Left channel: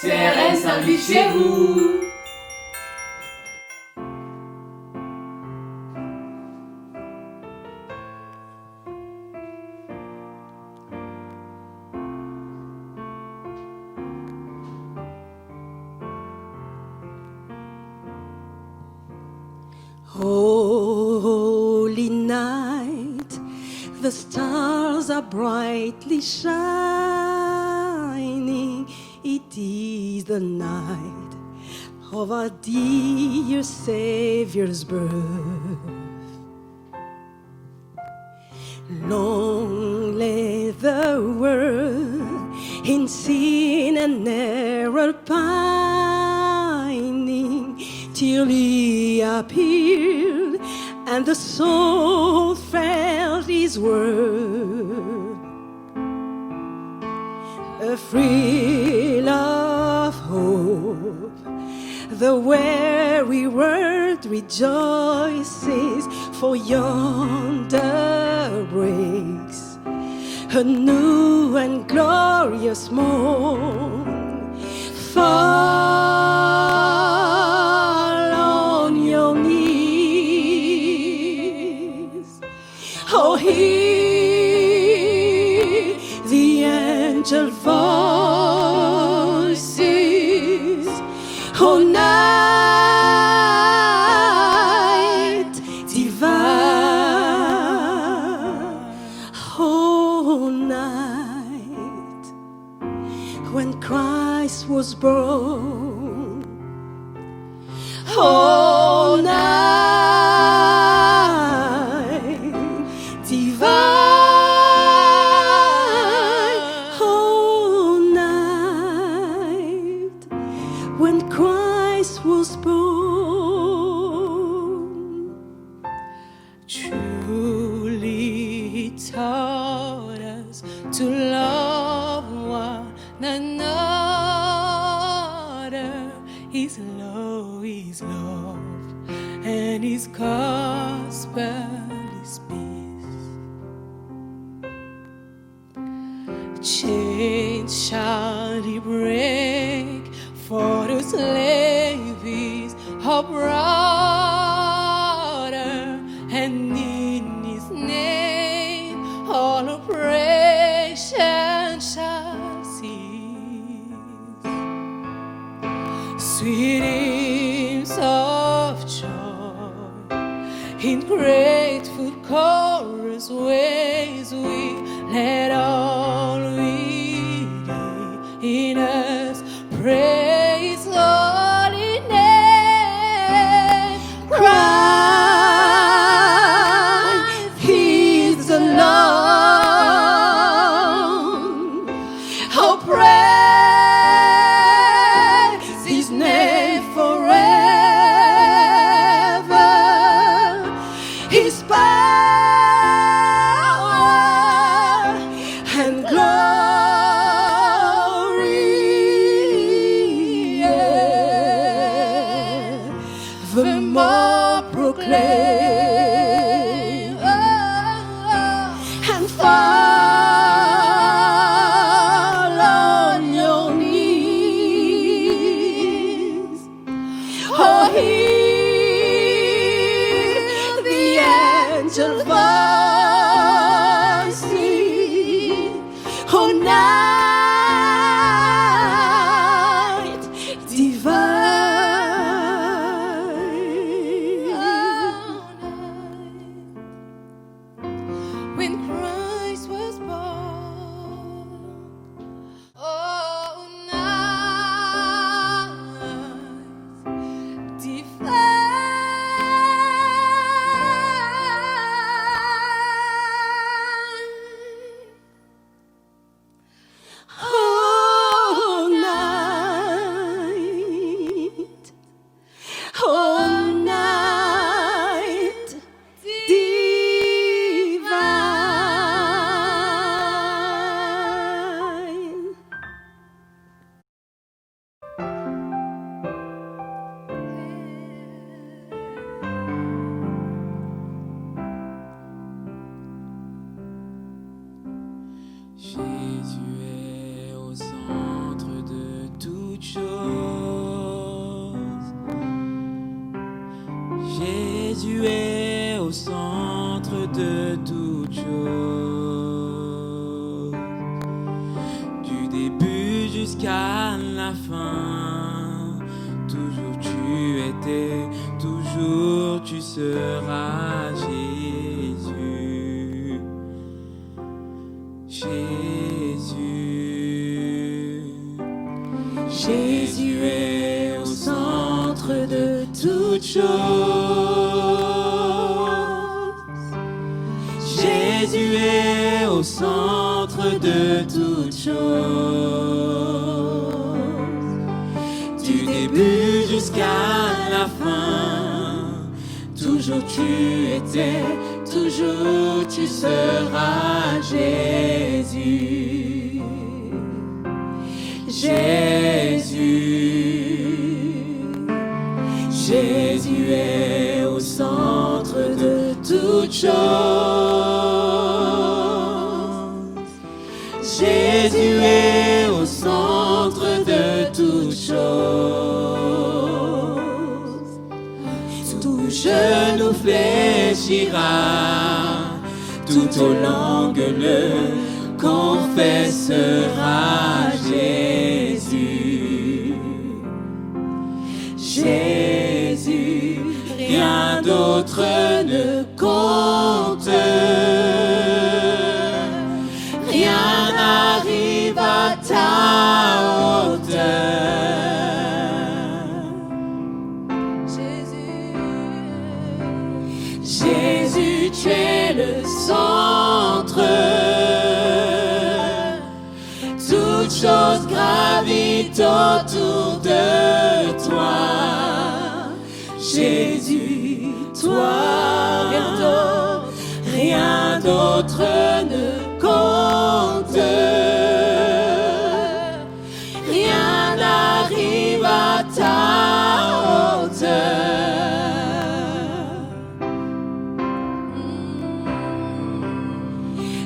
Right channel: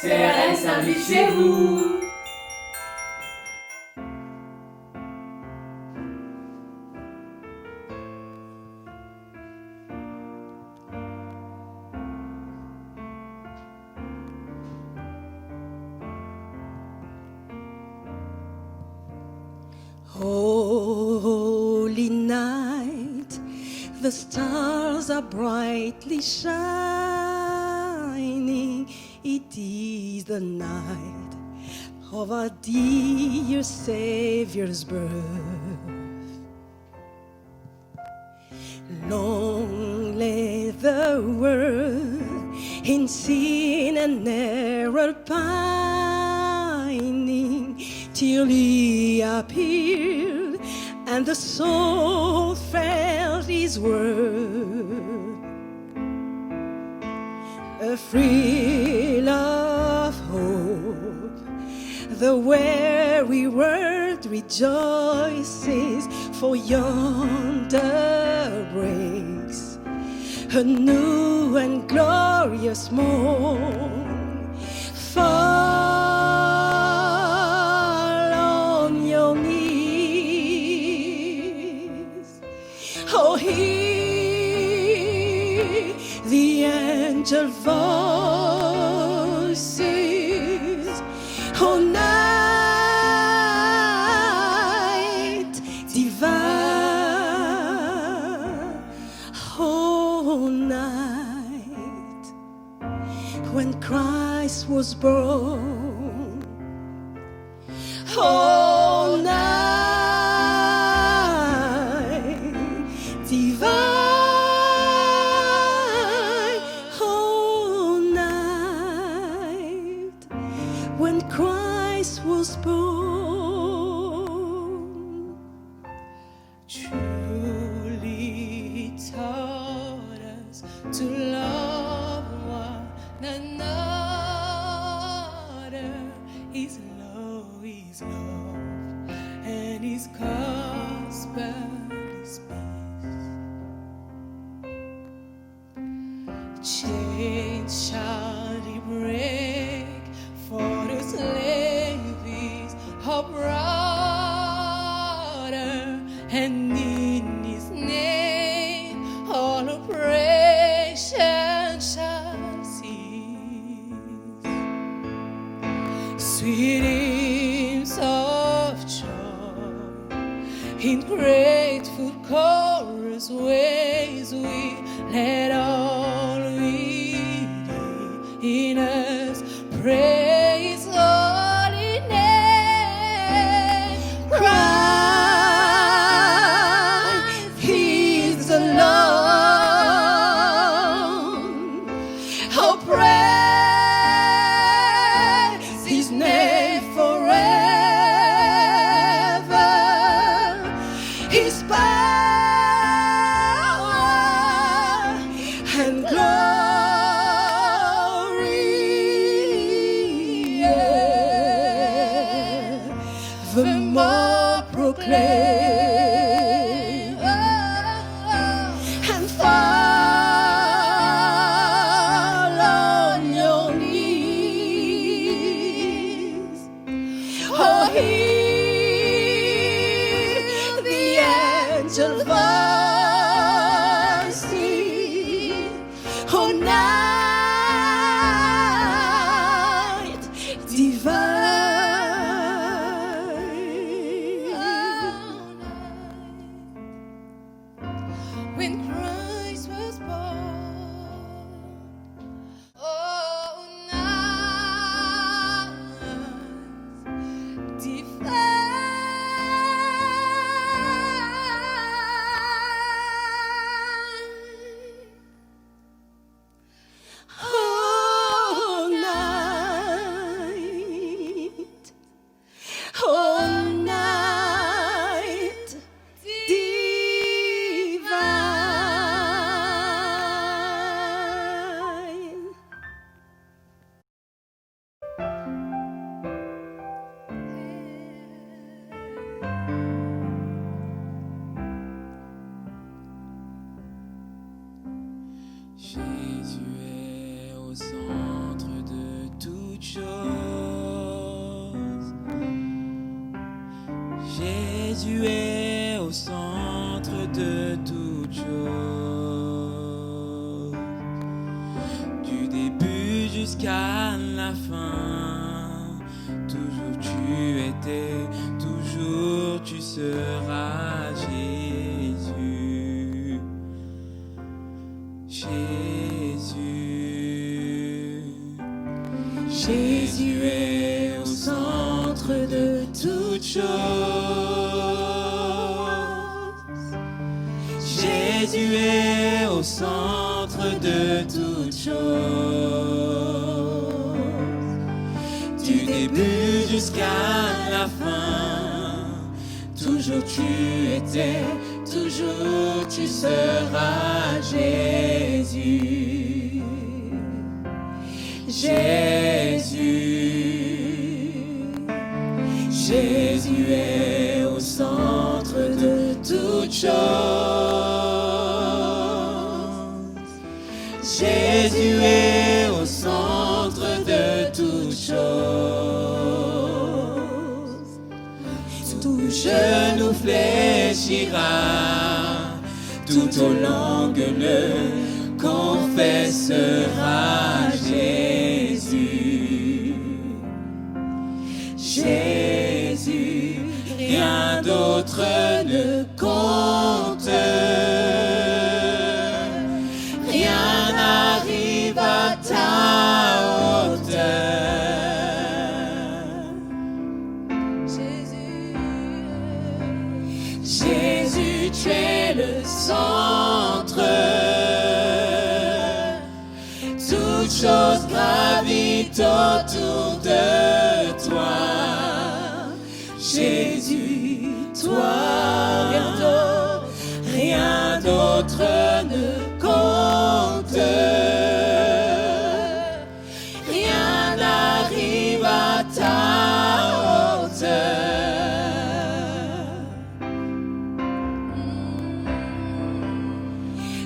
CRN s'invite chez vous. Holy night, the stars are brightly shining. It is the night of our dear Savior's birth. Long lay the world in sin and error pining, till He appeared and the soul felt His word. A thrill of hope, the weary world rejoices, for yonder breaks a new and glorious morn. Fall on your knees, oh, hear the angel voices, oh, night divine, oh, night when Christ was born, oh, night divine, oh, night when Christ was born. Truly He taught us to love one another. His love is love, and His gospel is peace. Chains shall He break, for the slave is our brother, and in His name all oppression shall cease. Sweet hymns of joy in grateful chorus ways, we let all within in us praise holy name. Christ is the Lord. Oh, praise His name forever. His power and glory, yeah, the more proclaim and fall on your knees. Oh, hear the angel voices, oh, night divine. When Christ was born, oh, night divine, oh, night, oh, night divine. Jésus est au centre de toute chose. jusqu'à la fin. Toujours tu étais, toujours tu seras Jésus. Jésus. Jésus est au centre de toutes choses. Jésus est au centre de toutes choses. Du début jusqu'à la fin, toujours tu étais, toujours tu seras Jésus. Jésus. Jésus est au centre de toutes choses. Jésus est au centre de toutes choses. Tout genou fléchira, tout aux langues le confessera. Jésus, Jésus, rien d'autre ne compte. Rien n'arrive à ta hauteur. Jésus, tu es le centre. Toutes choses gravitent autour de toi. Jésus, toi, rien d'autre ne compte. Rien n'arrive à ta hauteur.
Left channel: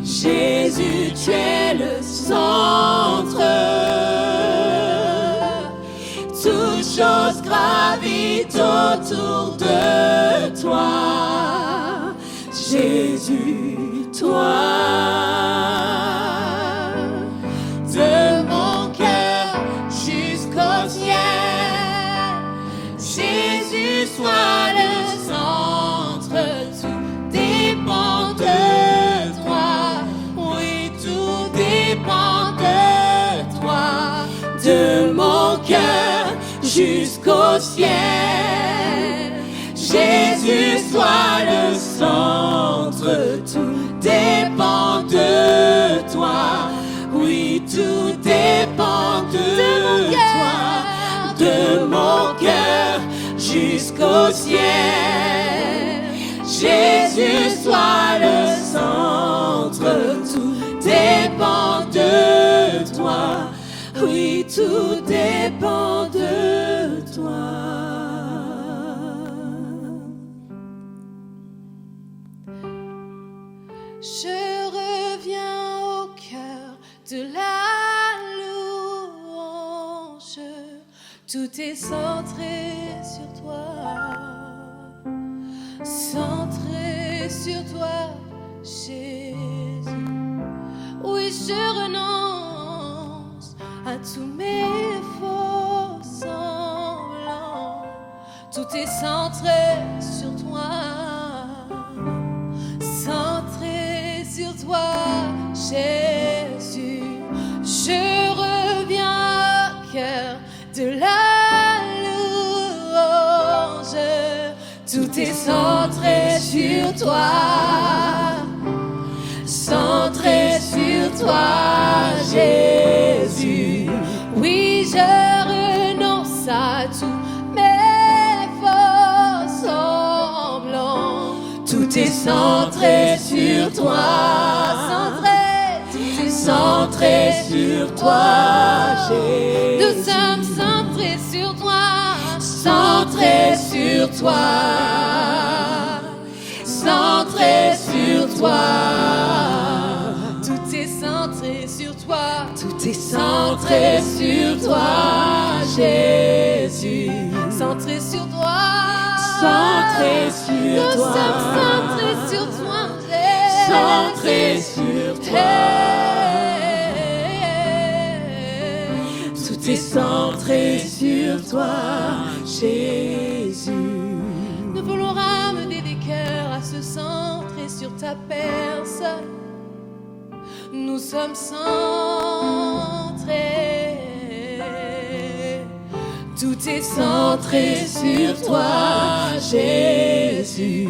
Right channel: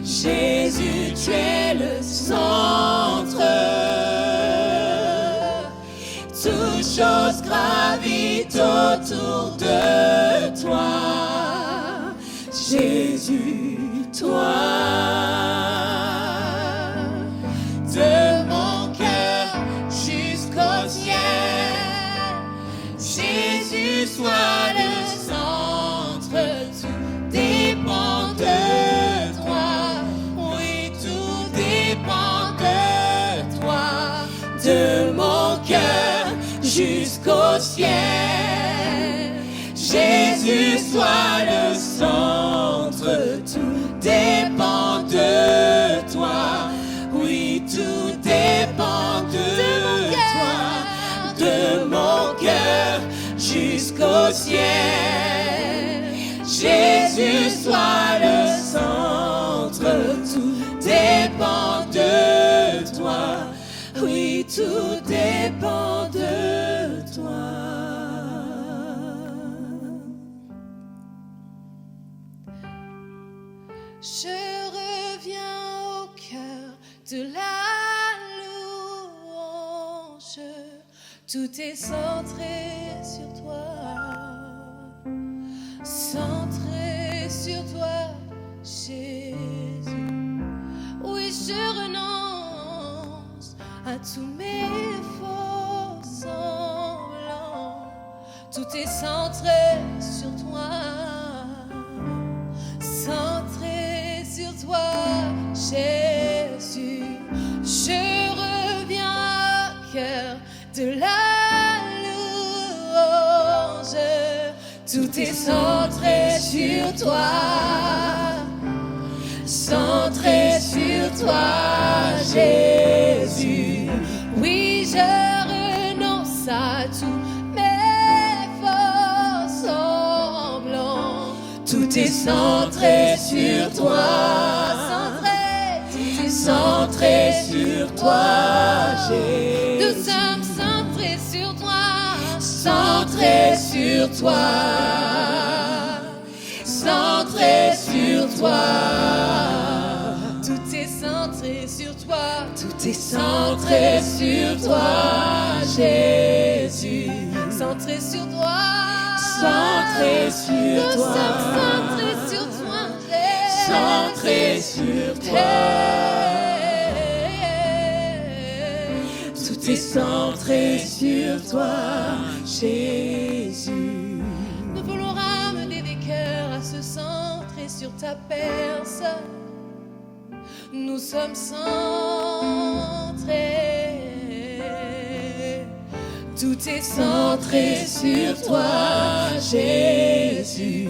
Jésus, tu es le centre. Toutes choses gravitent autour de toi. Jésus, toi. De mon cœur jusqu'au ciel, Jésus soit le centre. Tout dépend de toi. Oui, tout dépend de toi. De mon cœur jusqu'au ciel, Jésus soit le centre. Tout dépend de toi. Oui, tout dépend de toi. De mon cœur jusqu'au ciel, Jésus soit le centre. Tout dépend de toi. Oui, tout dépend de toi. Je reviens au cœur de la louange. Tout est centré sur toi. Centré sur toi, Jésus. Oui, je renonce à tous mes faux semblants. Tout est centré sur toi. Centré sur toi, Jésus. Je reviens au cœur de la louange. Tout est centré sur toi. Centré sur toi, Jésus. Oui, je renonce à tous mes faux semblants. Tout est centré sur toi. Centré sur toi, Jésus. Nous sommes centrés sur toi. Centré sur toi. Centré sur toi. Tout est centré sur toi. Tout est centré sur toi, Jésus. Centré sur toi. Centré sur toi. Nous sommes centrés sur toi, Jésus. Centré sur toi. Tout est centré sur toi, Jésus. Nous voulons ramener des cœurs à se centrer sur ta personne. Nous sommes centrés. Tout est centré sur toi, Jésus.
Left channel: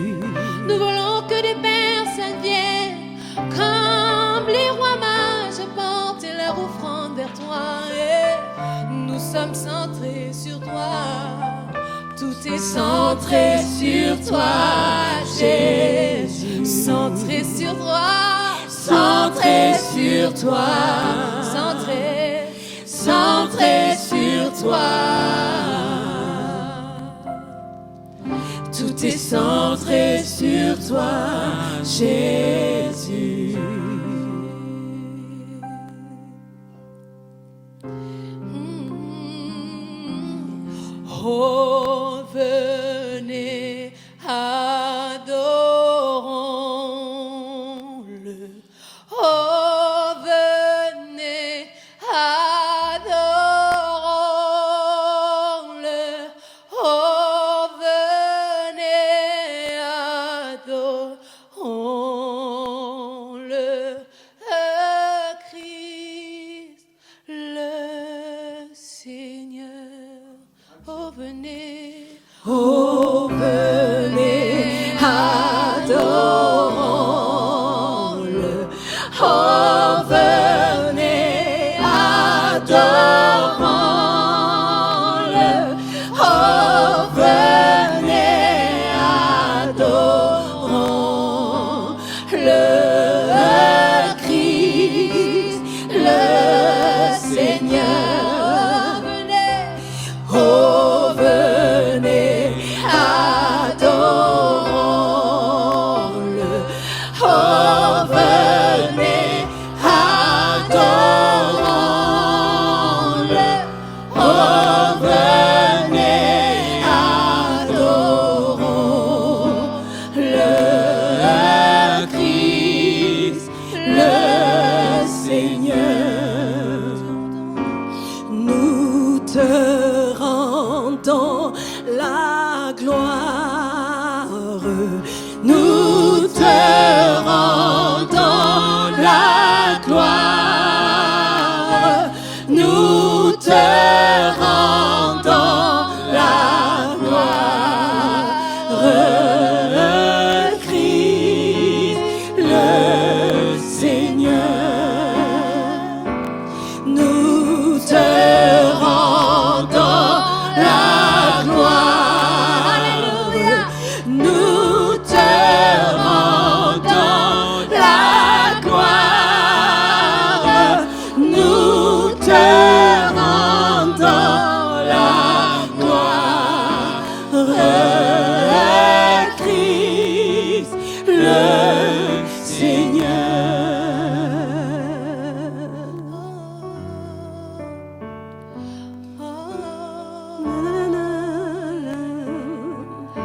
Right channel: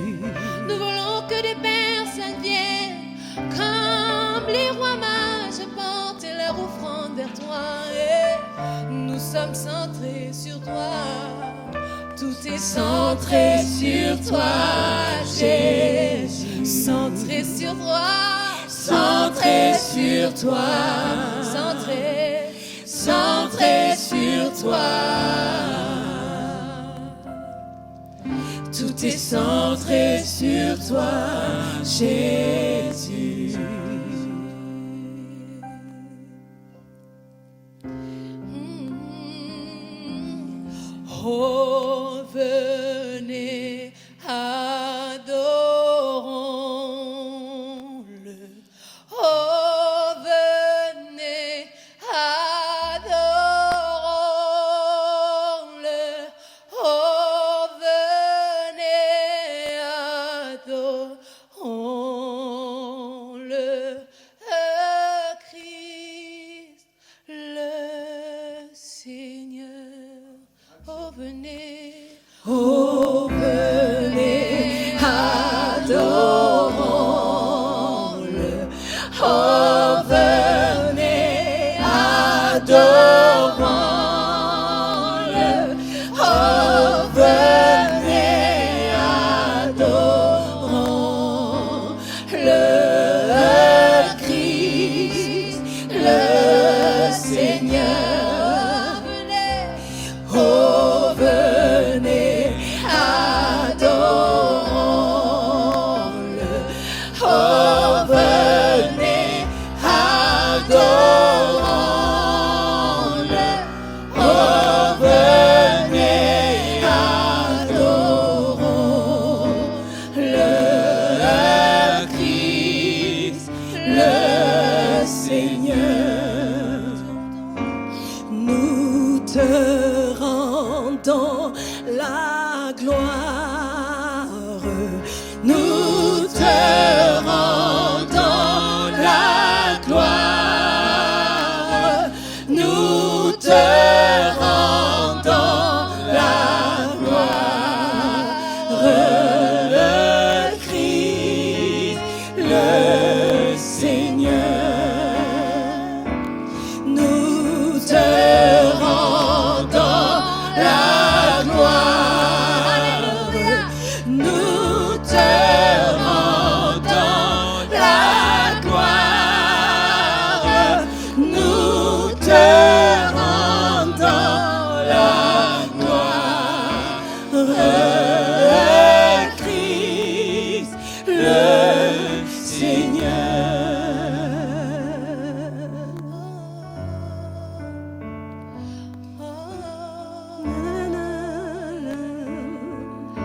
Nous voulons que des personnes viennent comme les rois mages porter leur offrande vers toi. Et nous sommes centrés sur toi. Tout est centré sur toi, Jésus. Centré sur toi, centré sur toi, centré sur toi. Tout est centré sur toi, Jésus. Oh, venez, adorons-le. Oh, venez, adorons-le. Oh, venez, adorons-le. Christ, le Seigneur. Oh, venez, adorons-le. Oh, venez, adorons-le. Oh, venez, adorons-le. Christ, le Seigneur. Oh, venez, adorons-le. Oh, venez, adorons-le. Oh, venez, adorons-le. Christ, le Seigneur. Nous te rendons la gloire. Nous te rendons la gloire. Nous te rendons la gloire. Christ, le Seigneur. Nous te rendons la gloire. Nous te rendons la gloire. Nous te rendons la gloire. Christ, le Seigneur.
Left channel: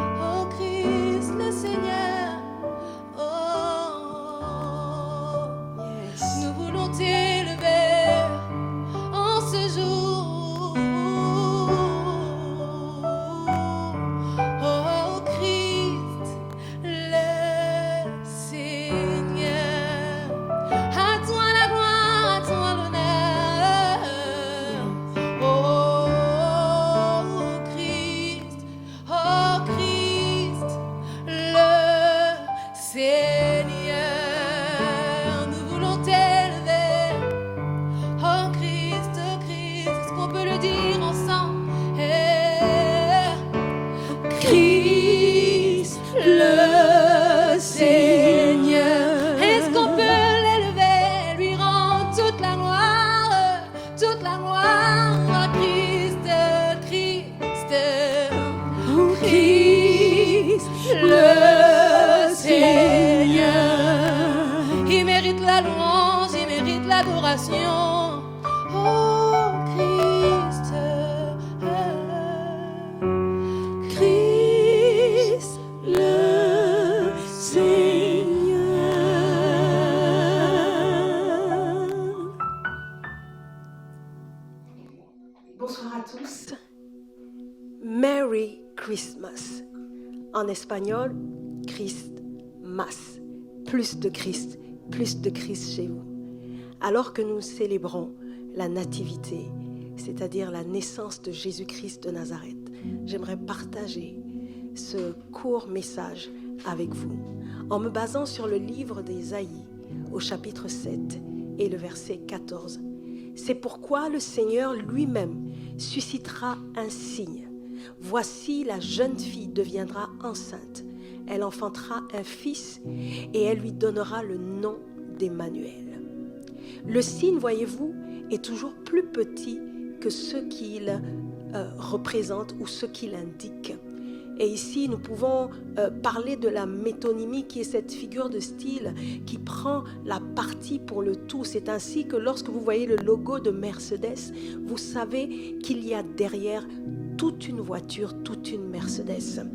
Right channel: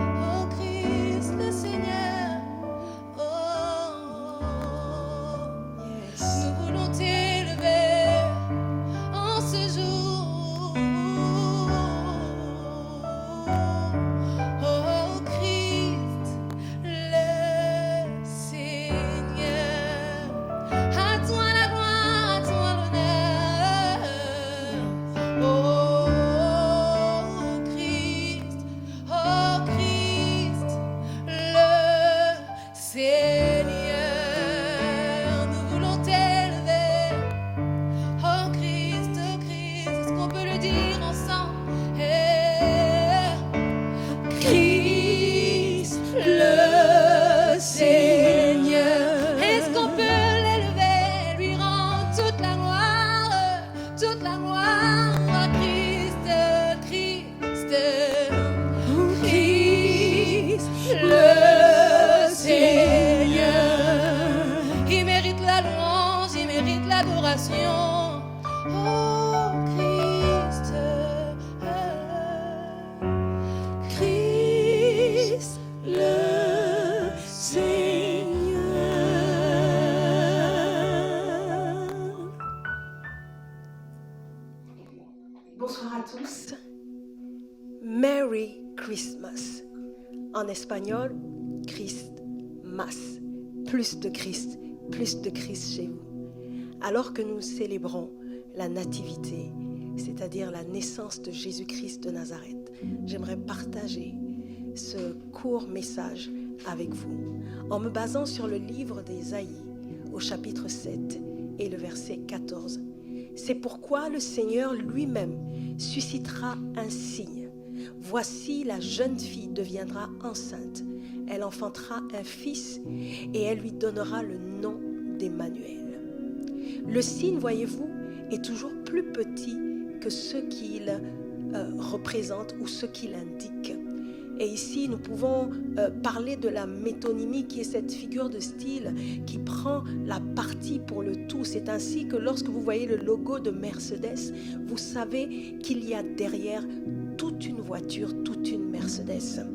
Oh, Christ le Seigneur. Nous voulons t'élever en ce jour. Oh, Christ le Seigneur. À toi la gloire, à toi l'honneur. Oh, Christ, le Seigneur. Nous voulons t'élever. Oh Christ, est-ce qu'on peut le dire ensemble? Christ, le Seigneur. Est-ce qu'on peut l'élever, lui rendre toute la gloire, toute la gloire? Oh Christ, le Seigneur. Il mérite la louange, il mérite l'adoration. Oh Christ, le Seigneur. Christmas. En espagnol, Christmas. Plus de Christ chez vous. Alors que nous célébrons la nativité, c'est-à-dire la naissance de Jésus-Christ de Nazareth, j'aimerais partager ce court message avec vous en me basant sur le livre d'Ésaïe au chapitre 7 et le verset 14. C'est pourquoi le Seigneur lui-même suscitera un signe. Voici, la jeune fille deviendra enceinte. Elle enfantera un fils et elle lui donnera le nom d'Emmanuel. Le signe, voyez-vous, est toujours plus petit que ce qu'il représente ou ce qu'il indique. Et ici, nous pouvons parler de la métonymie, qui est cette figure de style qui prend la partie pour le tout. C'est ainsi que lorsque vous voyez le logo de Mercedes, vous savez qu'il y a derrière toute une voiture, toute une Mercedes.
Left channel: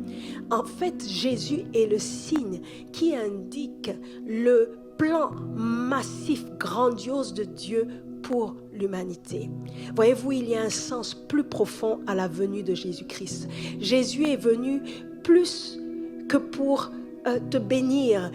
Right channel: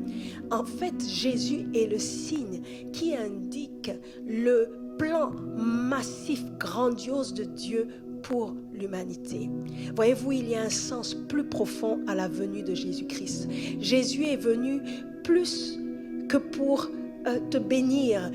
En fait, Jésus est le signe qui indique le plan massif, grandiose de Dieu pour l'humanité. Voyez-vous, il y a un sens plus profond à la venue de Jésus-Christ. Jésus est venu plus que pour te bénir,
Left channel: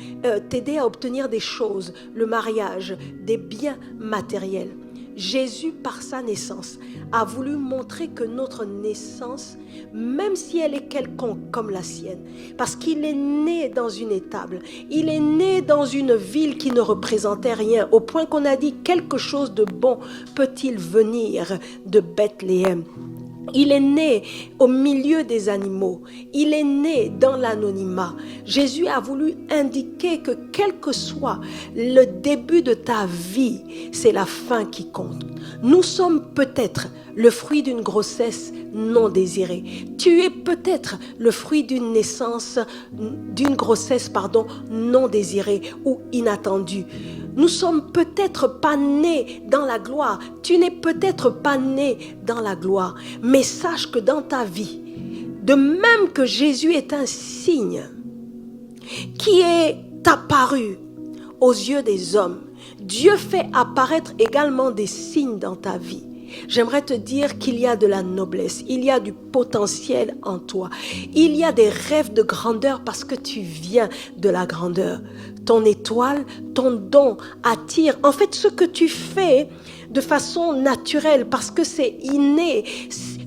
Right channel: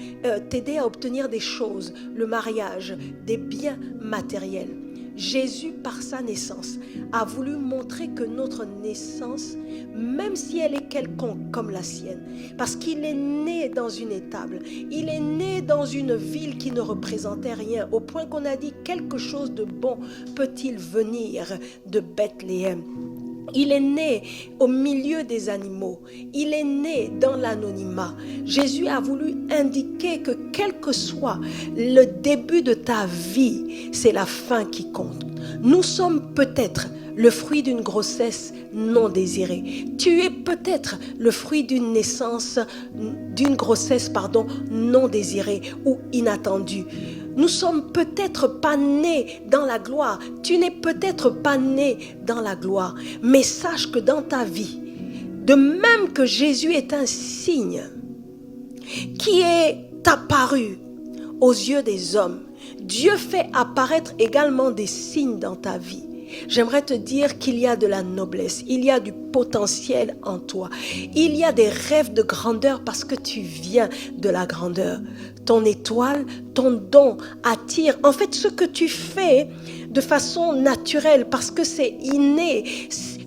t'aider à obtenir des choses, le mariage, des biens matériels. Jésus, par sa naissance, a voulu montrer que notre naissance, même si elle est quelconque comme la sienne, parce qu'il est né dans une étable, il est né dans une ville qui ne représentait rien, au point qu'on a dit quelque chose de bon peut-il venir de Bethléem. Il est né au milieu des animaux. Il est né dans l'anonymat. Jésus a voulu indiquer que quel que soit le début de ta vie, c'est la fin qui compte. Nous sommes peut-être le fruit d'une grossesse non désirée. Tu es peut-être le fruit d'une grossesse non désirée ou inattendue. Nous sommes peut-être pas nés dans la gloire. Tu n'es peut-être pas né dans la gloire. Mais sache que dans ta vie, de même que Jésus est un signe qui est apparu aux yeux des hommes, Dieu fait apparaître également des signes dans ta vie. J'aimerais te dire qu'il y a de la noblesse, il y a du potentiel en toi, il y a des rêves de grandeur parce que tu viens de la grandeur. Ton étoile, ton don attire. En fait, ce que tu fais de façon naturelle parce que c'est inné,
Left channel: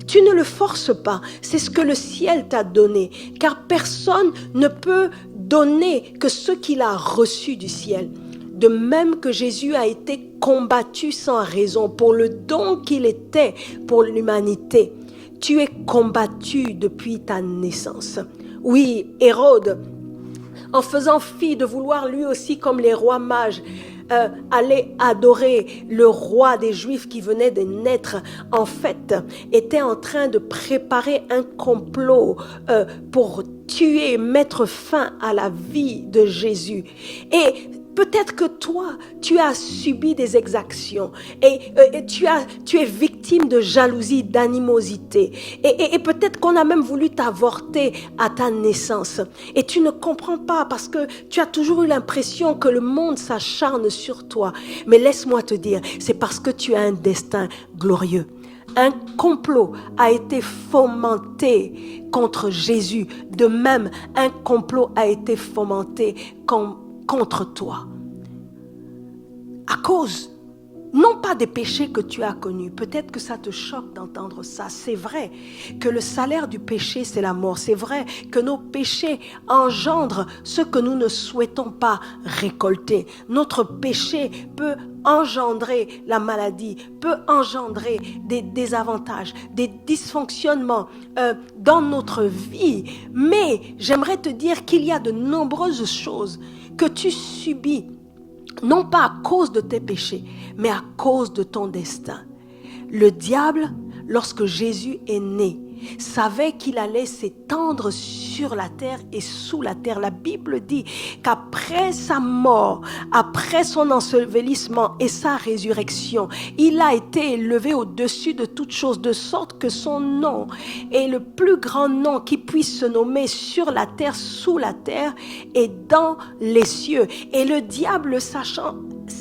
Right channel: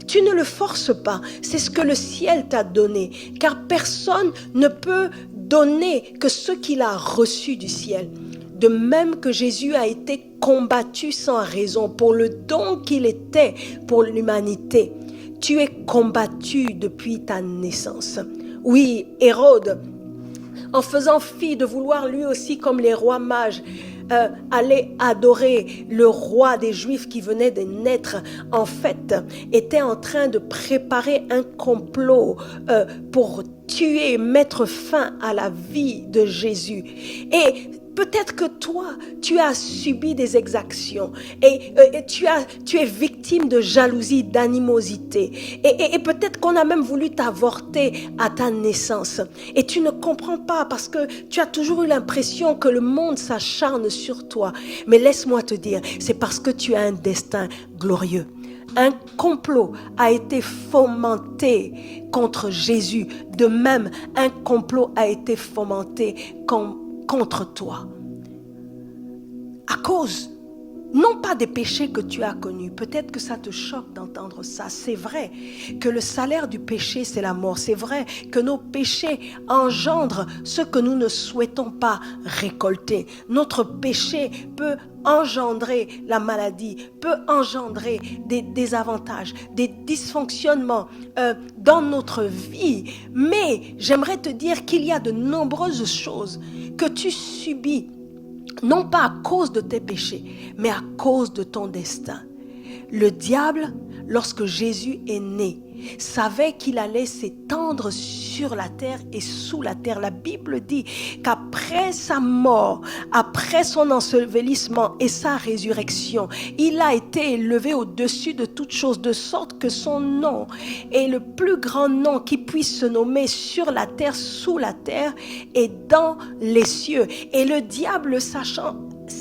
tu ne le forces pas, c'est ce que le ciel t'a donné, car personne ne peut donner que ce qu'il a reçu du ciel. De même que Jésus a été combattu sans raison pour le don qu'il était pour l'humanité, tu es combattu depuis ta naissance. Oui, Hérode, en faisant fi de vouloir lui aussi, comme les rois mages, aller adorer le roi des Juifs qui venait de naître, en fait, était en train de préparer un complot pour tuer, mettre fin à la vie de Jésus. Et peut-être que toi, tu as subi des exactions et tu es victime de jalousie, d'animosité. Et peut-être qu'on a même voulu t'avorter à ta naissance. Et tu ne comprends pas parce que tu as toujours eu l'impression que le monde s'acharne sur toi. Mais laisse-moi te dire, c'est parce que tu as un destin glorieux. Un complot a été fomenté contre Jésus. De même, un complot a été fomenté contre toi, à cause, non pas des péchés que tu as connus. Peut-être que ça te choque d'entendre ça. C'est vrai que le salaire du péché, c'est la mort. C'est vrai que nos péchés engendrent ce que nous ne souhaitons pas récolter. Notre péché peut engendrer la maladie, peut engendrer des désavantages, des dysfonctionnements dans notre vie. Mais j'aimerais te dire qu'il y a de nombreuses choses que tu subis, non pas à cause de tes péchés, mais à cause de ton destin. Le diable, lorsque Jésus est né, savait qu'il allait s'étendre sur la terre et sous la terre. La Bible dit qu'après sa mort, après son ensevelissement et sa résurrection, il a été élevé au-dessus de toutes choses, de sorte que son nom est le plus grand nom qui puisse se nommer sur la terre, sous la terre et dans les cieux. Et le diable, sachant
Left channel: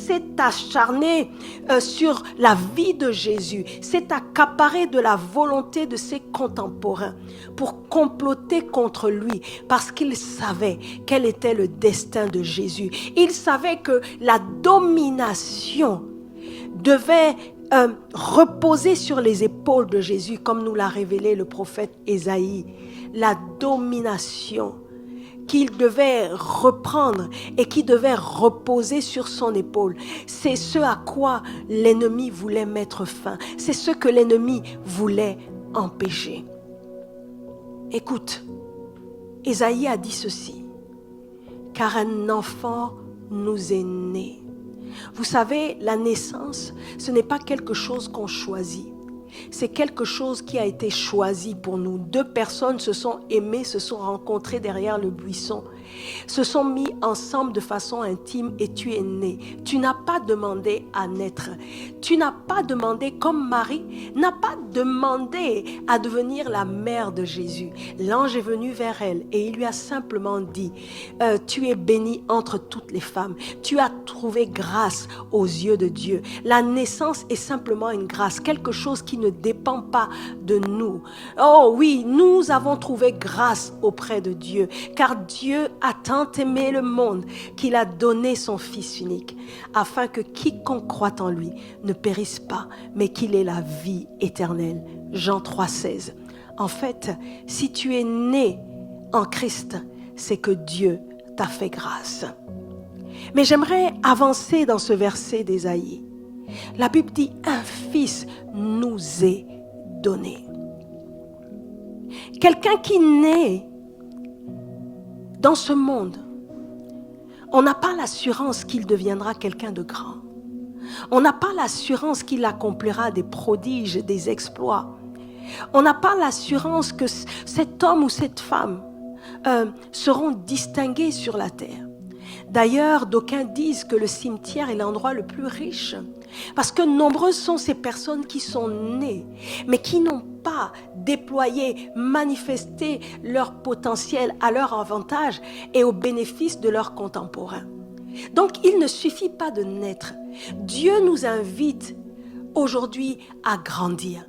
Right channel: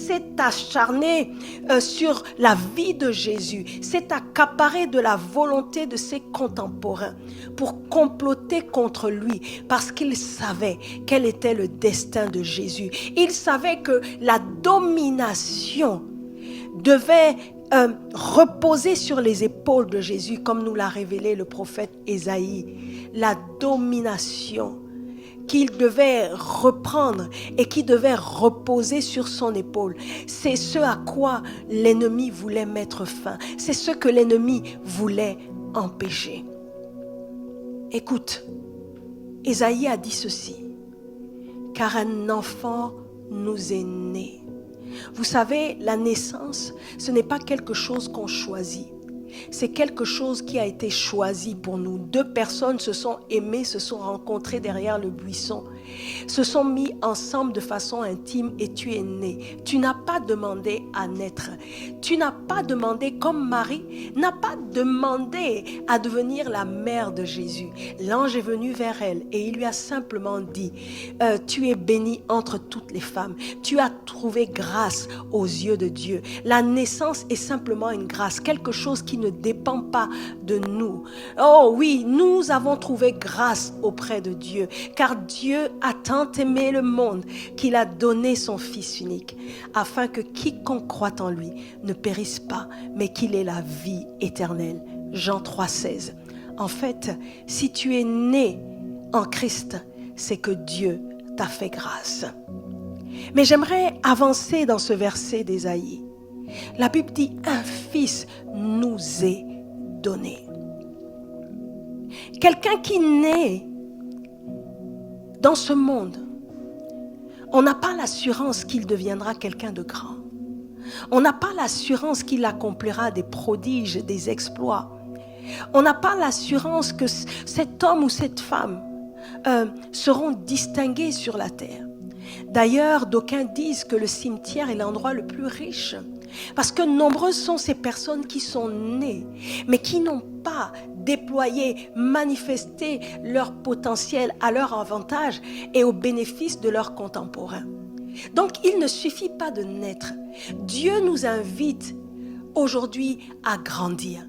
s'est acharné sur la vie de Jésus, s'est accaparé de la volonté de ses contemporains pour comploter contre lui parce qu'il savait quel était le destin de Jésus. Il savait que la domination devait reposer sur les épaules de Jésus, comme nous l'a révélé le prophète Ésaïe. La domination qu'il devait reprendre et qui devait reposer sur son épaule. C'est ce à quoi l'ennemi voulait mettre fin. C'est ce que l'ennemi voulait empêcher. Écoute, Ésaïe a dit ceci, « Car un enfant nous est né. » Vous savez, la naissance, ce n'est pas quelque chose qu'on choisit. C'est quelque chose qui a été choisi pour nous. 2 personnes se sont aimées, se sont rencontrées derrière le buisson, se sont mis ensemble de façon intime et tu es né. Tu n'as pas demandé à naître. Tu n'as pas demandé, comme Marie, n'a pas demandé à devenir la mère de Jésus. L'ange est venu vers elle et il lui a simplement dit, tu es bénie entre toutes les femmes. Tu as trouvé grâce aux yeux de Dieu. La naissance est simplement une grâce, quelque chose qui ne dépend pas de nous. Oh oui, nous avons trouvé grâce auprès de Dieu, car Dieu a tant aimé le monde qu'il a donné son Fils unique, afin que quiconque croit en lui ne périsse pas, mais qu'il ait la vie éternelle. Jean 3,16. En fait, si tu es né en Christ, c'est que Dieu t'a fait grâce. Mais j'aimerais avancer dans ce verset d'Ésaïe. La Bible dit, un fils nous est donné. Quelqu'un qui naît dans ce monde, on n'a pas l'assurance qu'il deviendra quelqu'un de grand. On n'a pas l'assurance qu'il accomplira des prodiges, des exploits. On n'a pas l'assurance que cet homme ou cette femme seront distingués sur la terre. D'ailleurs, d'aucuns disent que le cimetière est l'endroit le plus riche. Parce que nombreuses sont ces personnes qui sont nées, mais qui n'ont pas déployé, manifesté leur potentiel à leur avantage et au bénéfice de leurs contemporains. Donc, il ne suffit pas de naître. Dieu nous invite aujourd'hui à grandir.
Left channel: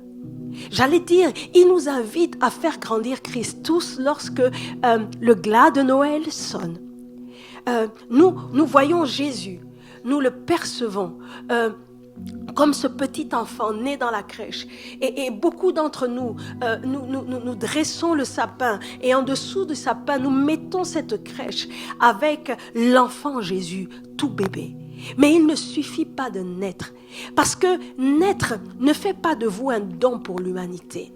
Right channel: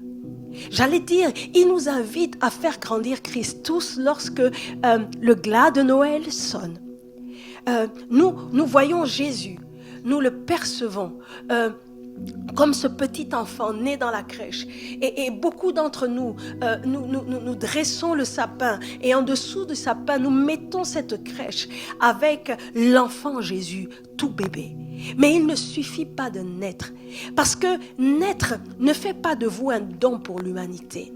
J'allais dire, il nous invite à faire grandir Christ tous lorsque le glas de Noël sonne. Nous voyons Jésus, nous le percevons comme ce petit enfant né dans la crèche. Et beaucoup d'entre nous, nous dressons le sapin et en dessous du sapin, nous mettons cette crèche avec l'enfant Jésus, tout bébé. Mais il ne suffit pas de naître, parce que naître ne fait pas de vous un don pour l'humanité.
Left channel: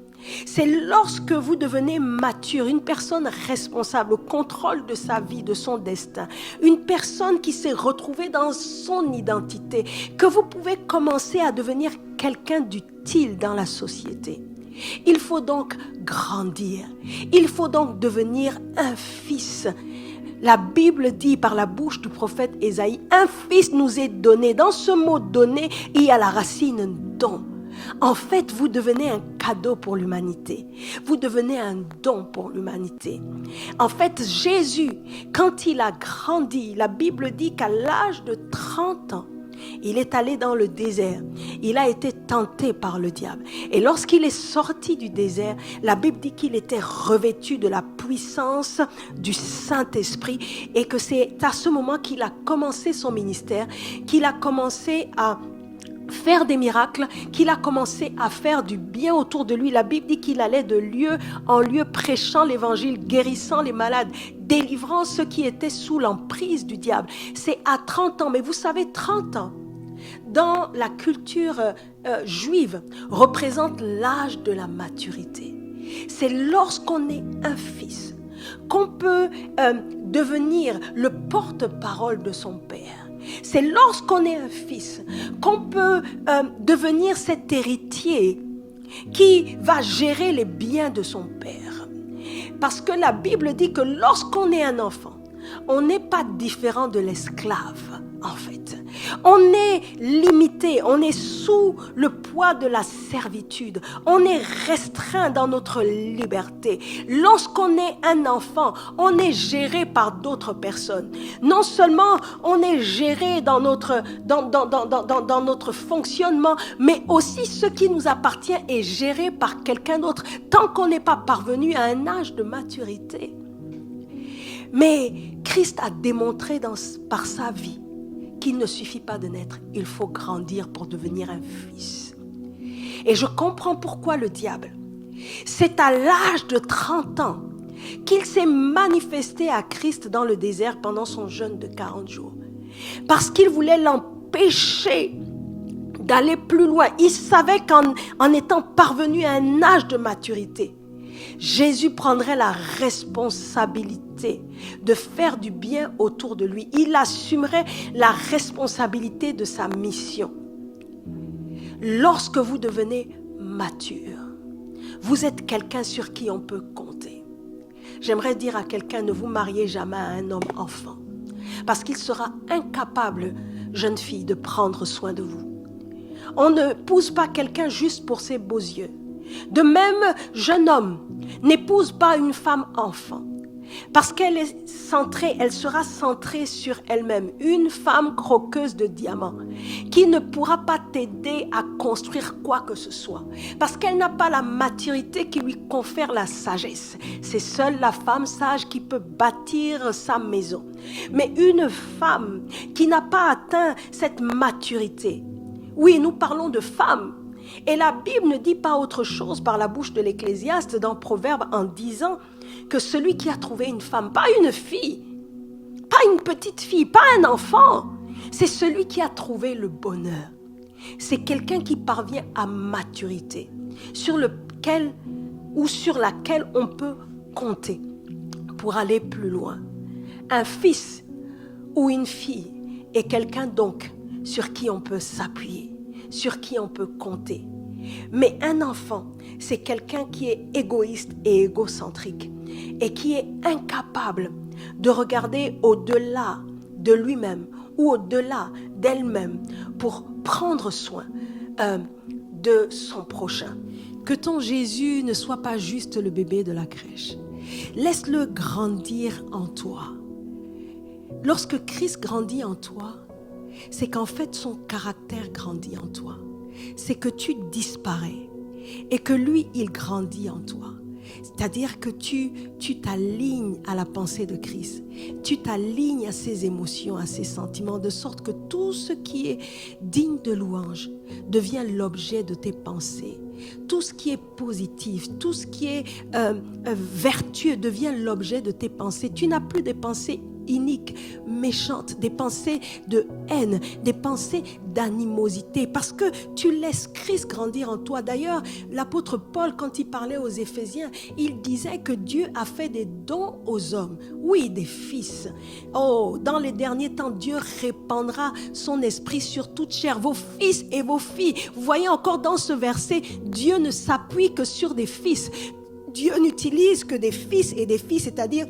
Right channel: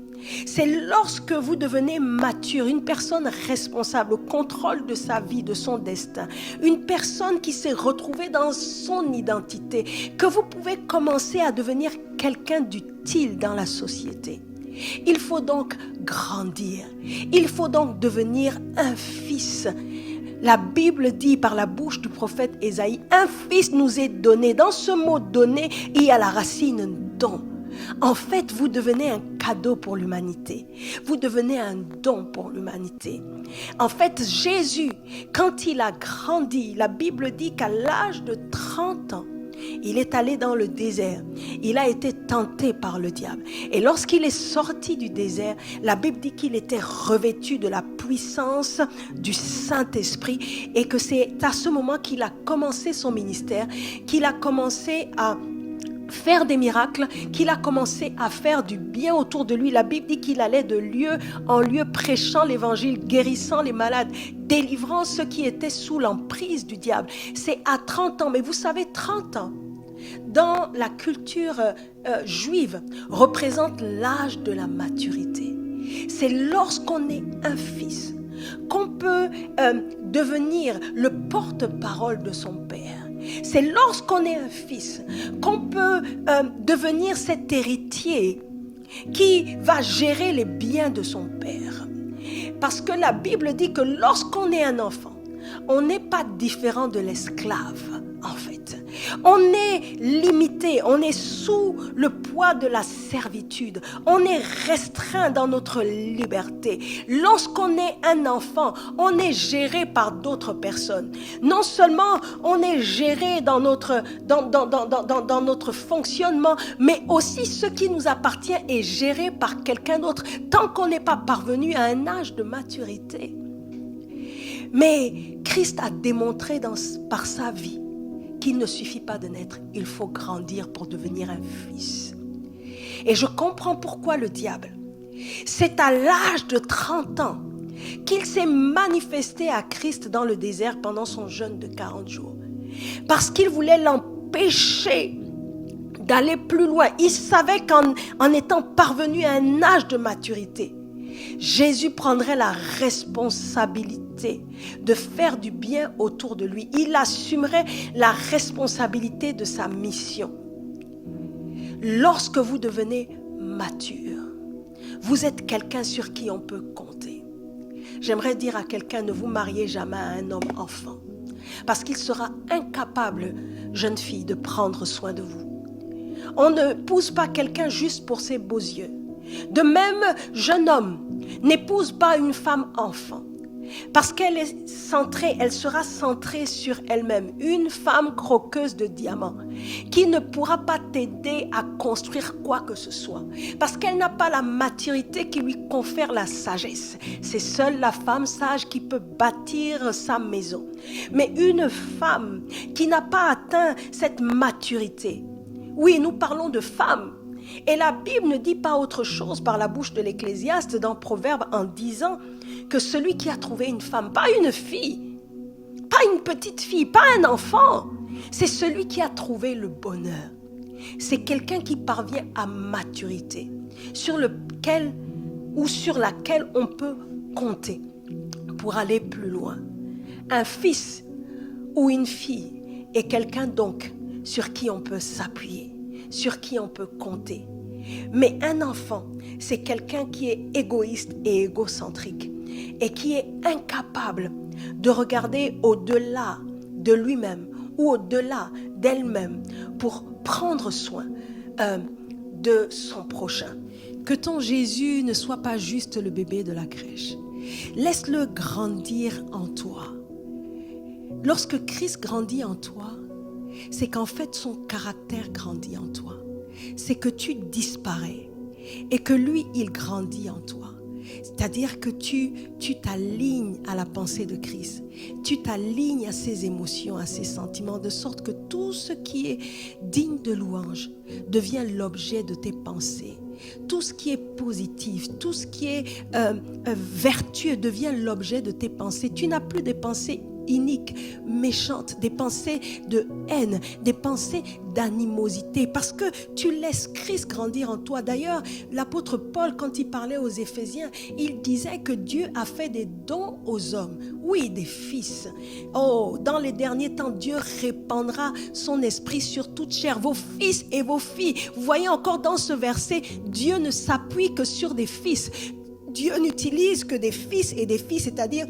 C'est lorsque vous devenez mature, une personne responsable au contrôle de sa vie, de son destin, une personne qui s'est retrouvée dans son identité, que vous pouvez commencer à devenir quelqu'un d'utile dans la société. Il faut donc grandir, il faut donc devenir un fils. La Bible dit par la bouche du prophète Ésaïe, un fils nous est donné. Dans ce mot donné, il y a la racine don. En fait, vous devenez un cadeau pour l'humanité. Vous devenez un don pour l'humanité. En fait, Jésus, quand il a grandi, la Bible dit qu'à l'âge de 30 ans, il est allé dans le désert. Il a été tenté par le diable. Et lorsqu'il est sorti du désert, la Bible dit qu'il était revêtu de la puissance du Saint-Esprit et que c'est à ce moment qu'il a commencé son ministère, qu'il a commencé à faire des miracles, qu'il a commencé à faire du bien autour de lui. La Bible dit qu'il allait de lieu en lieu prêchant l'évangile, guérissant les malades, délivrant ceux qui étaient sous l'emprise du diable. C'est à 30 ans, mais vous savez, 30 ans, dans la culture juive, représente l'âge de la maturité. C'est lorsqu'on est un fils qu'on peut devenir le porte-parole de son père. C'est lorsqu'on est un fils qu'on peut devenir cet héritier qui va gérer les biens de son père. Parce que la Bible dit que lorsqu'on est un enfant, on n'est pas différent de l'esclave, en fait. On est limité, on est sous le poids de la servitude. On est restreint dans notre liberté. Lorsqu'on est un enfant, on est géré par d'autres personnes. Non seulement on est géré dans notre fonctionnement, mais aussi ce qui nous appartient est géré par quelqu'un d'autre, tant qu'on n'est pas parvenu à un âge de maturité. Mais Christ a démontré par sa vie qu'il ne suffit pas de naître, il faut grandir pour devenir un fils. Et je comprends pourquoi le diable, c'est à l'âge de 30 ans qu'il s'est manifesté à Christ dans le désert pendant son jeûne de 40 jours. Parce qu'il voulait l'empêcher d'aller plus loin. Il savait qu'en étant parvenu à un âge de maturité, Jésus prendrait la responsabilité de faire du bien autour de lui. Il assumerait la responsabilité de sa mission. Lorsque vous devenez mature, vous êtes quelqu'un sur qui on peut compter. J'aimerais dire à quelqu'un, ne vous mariez jamais à un homme enfant, parce qu'il sera incapable, jeune fille, de prendre soin de vous. On ne pousse pas quelqu'un juste pour ses beaux yeux. De même, jeune homme, n'épouse pas une femme enfant, parce qu'elle est centrée, elle sera centrée sur elle-même. Une femme croqueuse de diamants, qui ne pourra pas t'aider à construire quoi que ce soit, parce qu'elle n'a pas la maturité qui lui confère la sagesse. C'est seule la femme sage qui peut bâtir sa maison. Mais une femme qui n'a pas atteint cette maturité, oui, nous parlons de femmes, et la Bible ne dit pas autre chose par la bouche de l'Ecclésiaste dans Proverbe en disant que celui qui a trouvé une femme, pas une fille, pas une petite fille, pas un enfant, c'est celui qui a trouvé le bonheur. C'est quelqu'un qui parvient à maturité, sur laquelle on peut compter pour aller plus loin. Un fils ou une fille est quelqu'un donc sur qui on peut s'appuyer, sur qui on peut compter. Mais un enfant, c'est quelqu'un qui est égoïste et égocentrique et qui est incapable de regarder au-delà de lui-même ou au-delà d'elle-même pour prendre soin de son prochain. Que ton Jésus ne soit pas juste le bébé de la crèche. Laisse-le grandir en toi. Lorsque Christ grandit en toi, c'est qu'en fait son caractère grandit en toi. C'est que tu disparais et que lui, il grandit en toi. C'est-à-dire que tu t'alignes à la pensée de Christ. Tu t'alignes à ses émotions, à ses sentiments, de sorte que tout ce qui est digne de louange devient l'objet de tes pensées. Tout ce qui est positif, tout ce qui est vertueux devient l'objet de tes pensées. Tu n'as plus des pensées iniques, méchantes, des pensées de haine, des pensées d'animosité, parce que tu laisses Christ grandir en toi. D'ailleurs, l'apôtre Paul, quand il parlait aux Éphésiens, il disait que Dieu a fait des dons aux hommes, oui, des fils. Oh, dans les derniers temps, Dieu répandra son esprit sur toute chair, vos fils et vos filles. Vous voyez encore dans ce verset, Dieu ne s'appuie que sur des fils. Dieu n'utilise que des fils et des filles, c'est-à-dire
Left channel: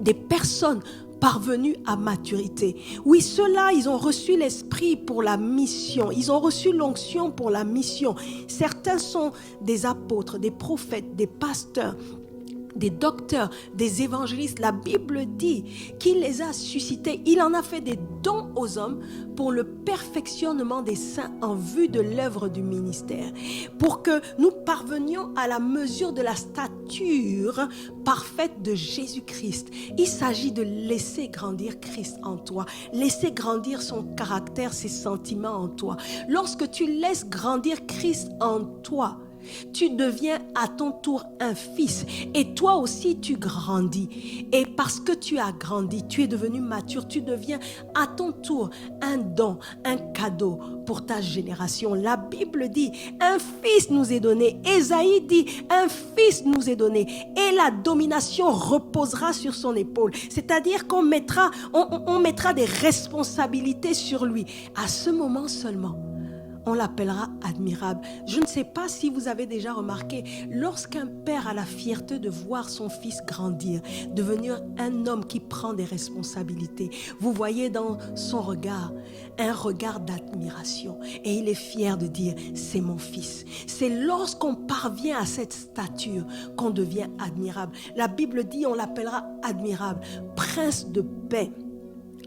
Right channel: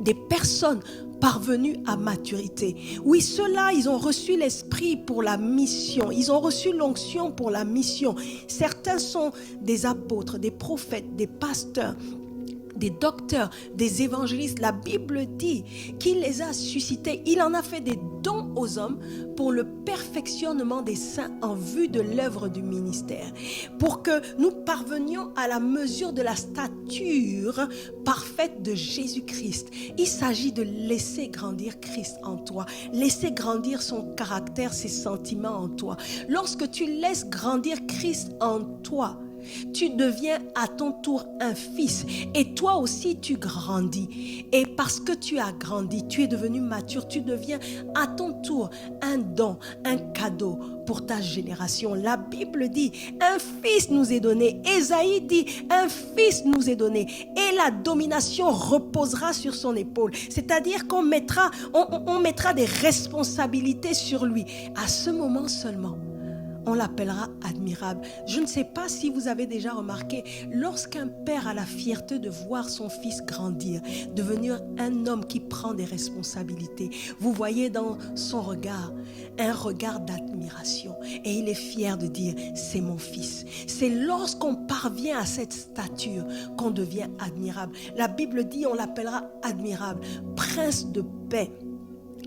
des personnes parvenus à maturité. Oui, ceux-là, ils ont reçu l'esprit pour la mission. Ils ont reçu l'onction pour la mission. Certains sont des apôtres, des prophètes, des pasteurs, des docteurs, des évangélistes. La Bible dit qu'il les a suscités. Il en a fait des dons aux hommes pour le perfectionnement des saints en vue de l'œuvre du ministère. Pour que nous parvenions à la mesure de la stature parfaite de Jésus-Christ. Il s'agit de laisser grandir Christ en toi. Laisser grandir son caractère, ses sentiments en toi. Lorsque tu laisses grandir Christ en toi, tu deviens à ton tour un fils et toi aussi tu grandis. Et parce que tu as grandi, tu es devenu mature, tu deviens à ton tour un don, un cadeau pour ta génération. La Bible dit, un fils nous est donné. Ésaïe dit, un fils nous est donné et la domination reposera sur son épaule. C'est-à-dire qu'on mettra des responsabilités sur lui. À ce moment seulement, on l'appellera admirable. Je ne sais pas si vous avez déjà remarqué, lorsqu'un père a la fierté de voir son fils grandir, devenir un homme qui prend des responsabilités, vous voyez dans son regard un regard d'admiration. Et il est fier de dire, c'est mon fils. C'est lorsqu'on parvient à cette stature qu'on devient admirable. La Bible dit, on l'appellera admirable, prince de paix.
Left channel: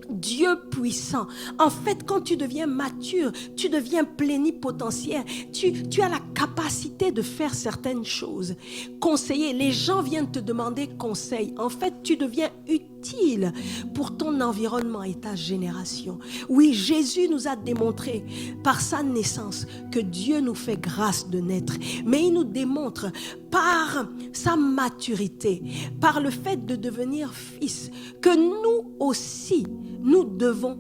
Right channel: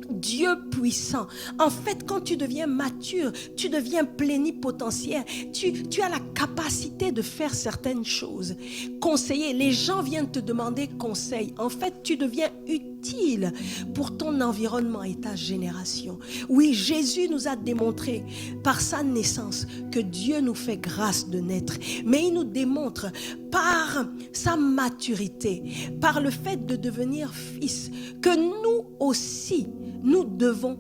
Dieu puissant. En fait, quand tu deviens mature, tu deviens plénipotentiaire. Tu as la capacité de faire certaines choses. Conseiller, les gens viennent te demander conseil. En fait, tu deviens utile pour ton environnement et ta génération. Oui, Jésus nous a démontré par sa naissance que Dieu nous fait grâce de naître. Mais il nous démontre par sa maturité, par le fait de devenir fils, que nous aussi, nous devons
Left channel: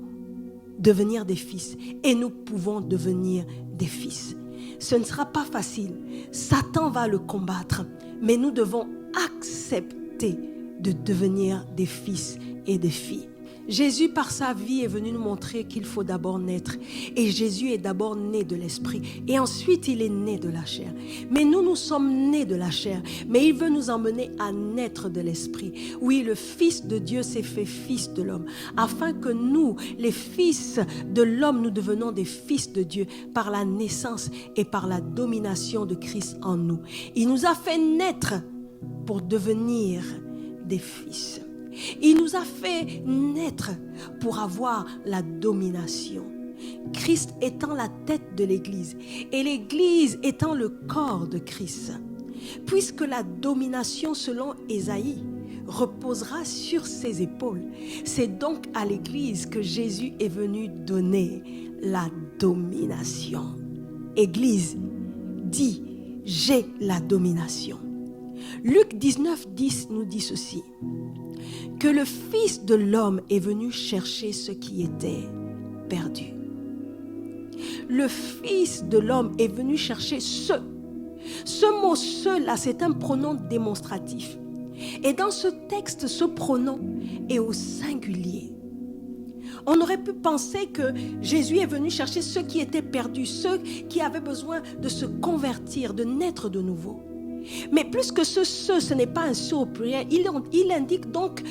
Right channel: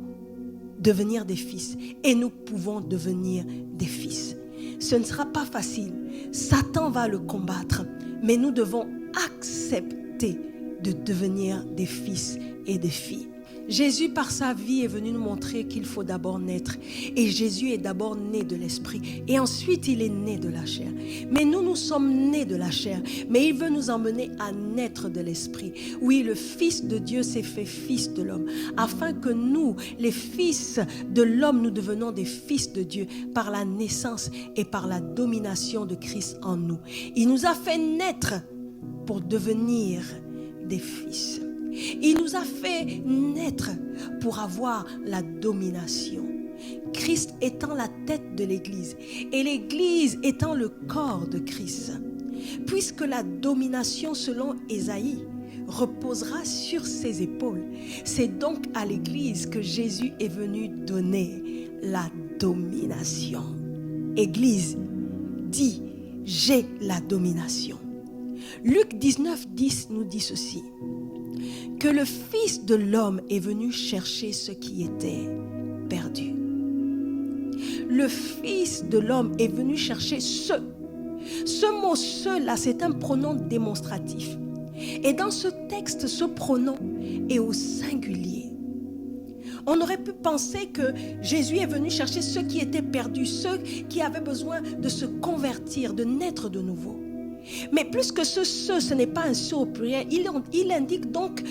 devenir des fils et nous pouvons devenir des fils. Ce ne sera pas facile. Satan va le combattre, mais nous devons accepter de devenir des fils et des filles. Jésus, par sa vie, est venu nous montrer qu'il faut d'abord naître. Et Jésus est d'abord né de l'esprit. Et ensuite, il est né de la chair. Mais nous sommes nés de la chair. Mais il veut nous emmener à naître de l'esprit. Oui, le Fils de Dieu s'est fait fils de l'homme. Afin que nous, les fils de l'homme, nous devenons des fils de Dieu par la naissance et par la domination de Christ en nous. Il nous a fait naître pour devenir des fils. Il nous a fait naître pour avoir la domination. Christ étant la tête de l'Église et l'Église étant le corps de Christ. Puisque la domination selon Ésaïe reposera sur ses épaules, c'est donc à l'Église que Jésus est venu donner la domination. Église dit, j'ai la domination. Luc 19:10 nous dit ceci, que le Fils de l'homme est venu chercher ce qui était perdu. Le Fils de l'homme est venu chercher ce. Ce mot « ce » là, c'est un pronom démonstratif. Et dans ce texte, ce pronom est au singulier. On aurait pu penser que Jésus est venu chercher ceux qui étaient perdus, ceux qui avaient besoin de se convertir, de naître de nouveau. Mais plus que ce n'est pas un ce au pluriel. Il indique donc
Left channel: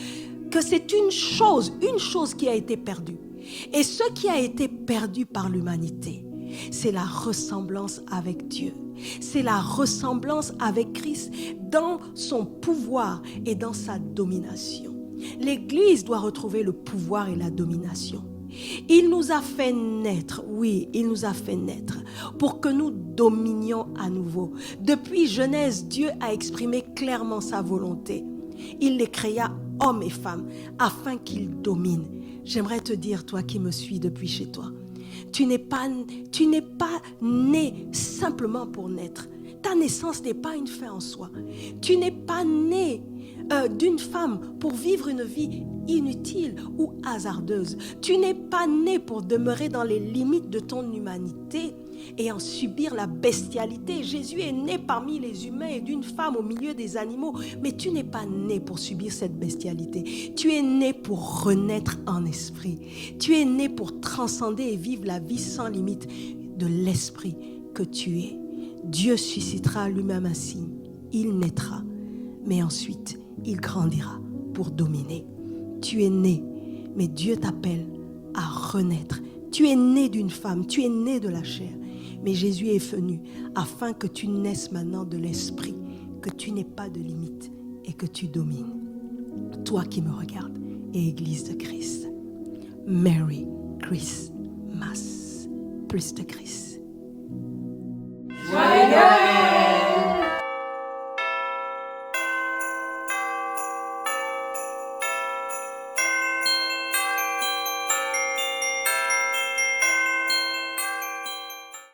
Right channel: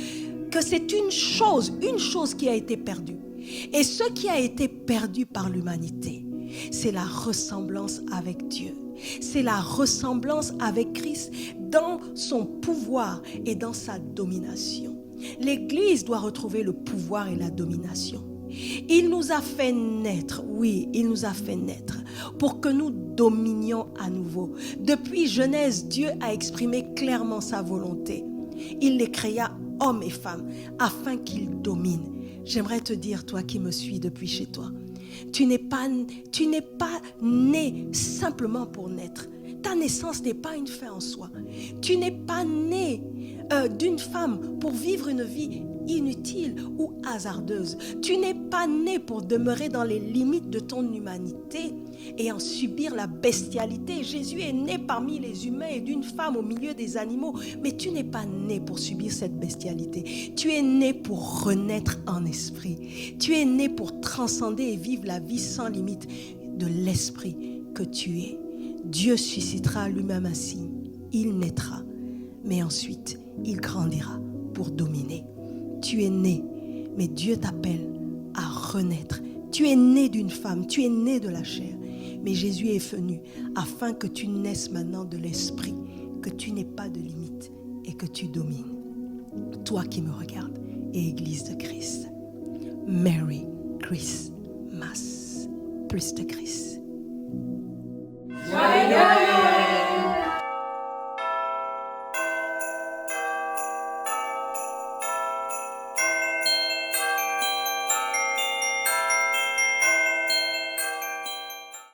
que c'est une chose qui a été perdue. Et ce qui a été perdu par l'humanité, c'est la ressemblance avec Dieu. C'est la ressemblance avec Christ dans son pouvoir et dans sa domination. L'Église doit retrouver le pouvoir et la domination. Il nous a fait naître, oui, il nous a fait naître pour que nous dominions à nouveau. Depuis Genèse, Dieu a exprimé clairement sa volonté. Il les créa hommes et femmes afin qu'ils dominent. J'aimerais te dire, toi qui me suis depuis chez toi, tu n'es pas né simplement pour naître. Ta naissance n'est pas une fin en soi. Tu n'es pas né d'une femme pour vivre une vie inutile ou hasardeuse. Tu n'es pas né pour demeurer dans les limites de ton humanité et en subir la bestialité. Jésus est né parmi les humains et d'une femme au milieu des animaux, mais tu n'es pas né pour subir cette bestialité. Tu es né pour renaître en esprit. Tu es né pour transcender et vivre la vie sans limite de l'esprit que tu es. Dieu suscitera lui-même un signe. Il naîtra, mais ensuite, il grandira pour dominer. Tu es né, mais Dieu t'appelle à renaître. Tu es né d'une femme, tu es né de la chair. Mais Jésus est venu afin que tu naisses maintenant de l'esprit, que tu n'aies pas de limite et que tu domines. Toi qui me regardes, et Église de Christ, Merry Christmas, plus de Christ.